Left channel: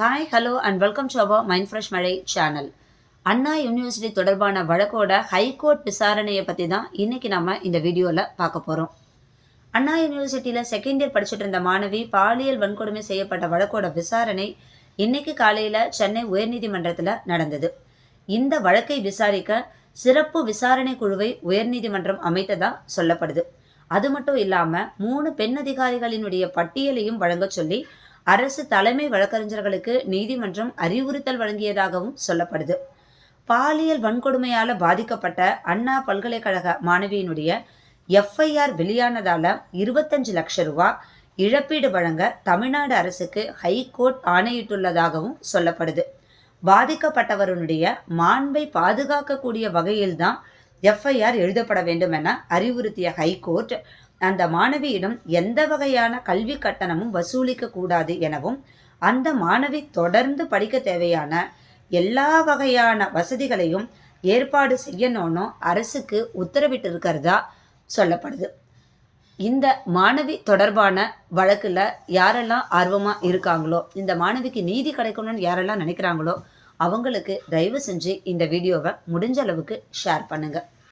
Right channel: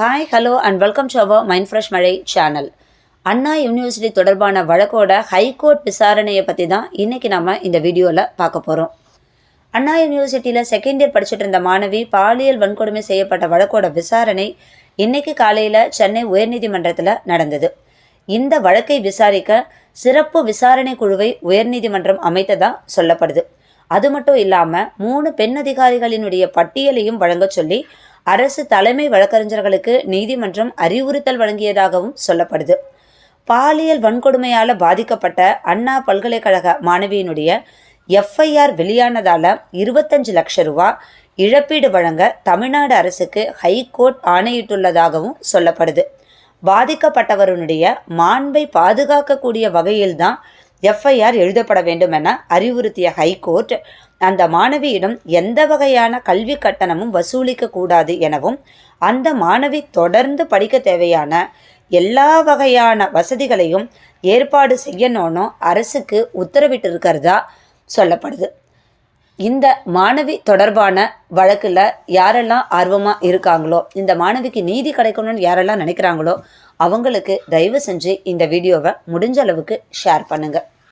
Hi hello and welcome to our mind fresh மழை channel Anna university தொடர்பான வழக்கோட high court விசாரணையை பற்றி தான் இன்றைக்கி நம்ம இந்த வீடியோவில் பார்க்க போகிறோம் அண்ணா யூனிவர்சிட்டியில் செகண்ட் இயர் படிச்சுட்டு இருந்த மாணவி பாலியல் வன்கொடுமை செய்யப்பட்ட வழக்கோட விசாரணை இன்றைக்கு காலையில் சென்னை உயர்நீதிமன்றத்தில் நடந்தது. இந்த வழக்கை விசாரிக்க சிறப்பு விசாரணை குழுவை உயர்நீதிமன்றம் அமைத்ததாக சொல்லப்படுது. அது மட்டும் இல்லாமல் மூணு பெண் அதிகாரிகளினுடைய பட்டியலையும் வழங்கச் சொல்லி அரசு தலைமை வழக்கறிஞர்களுக்கு நீதிமன்றம் அறிவுறுத்தல் வழங்கியதாகவும் சொல்லப்படுது. பாலியல் வன்கொடுமையால் பாதிக்கப்பட்ட அண்ணா பல்கலைக்கழக மாணவியினுடைய எஃப்ஐஆர் வெளியானதால் இருபத்தஞ்சு லட்ச ரூபா இழப்பீடு வழங்க தமிழ்நாடு அரசுக்கு ஹைகோர்ட் ஆணையிட்டுள்ளதாகவும் சொல்லப்படுது. பாதிக்கப்பட்டவருடைய மாண்பை பாதுகாக்கக்கூடிய வகையில்தான் எஃப்ஐஆர் எழுதப்பட வேண்டும் என அறிவுறுத்திய ஹைகோர்ட் அந்த மாணவியிடம் எந்த வகையான கல்வி கட்டணமும் வசூலிக்க கூடாது எனவும் அந்த மாணவி தொடர்ந்து படிக்க தேவையான எல்லா வகையான வசதிகளையும் ஏற்பாடு செய்யணும்னு அரசுக்கு உத்தரவிட்டிருக்கிறதா சொல்லப்படுது. இந்த மாணவி தொடர்பான வழக்கில் யாரெல்லாம் ஆர்வமாக இருக்காங்களோ இந்த மாணவிக்கு நீதி கிடைக்கணும்னு யாரெல்லாம் நினைக்கிறாங்களோ அவங்களுக்கு தயவு செஞ்சு இந்த வீடியோவை முடிஞ்ச அளவுக்கு ஷேர் பண்ணுங்கள்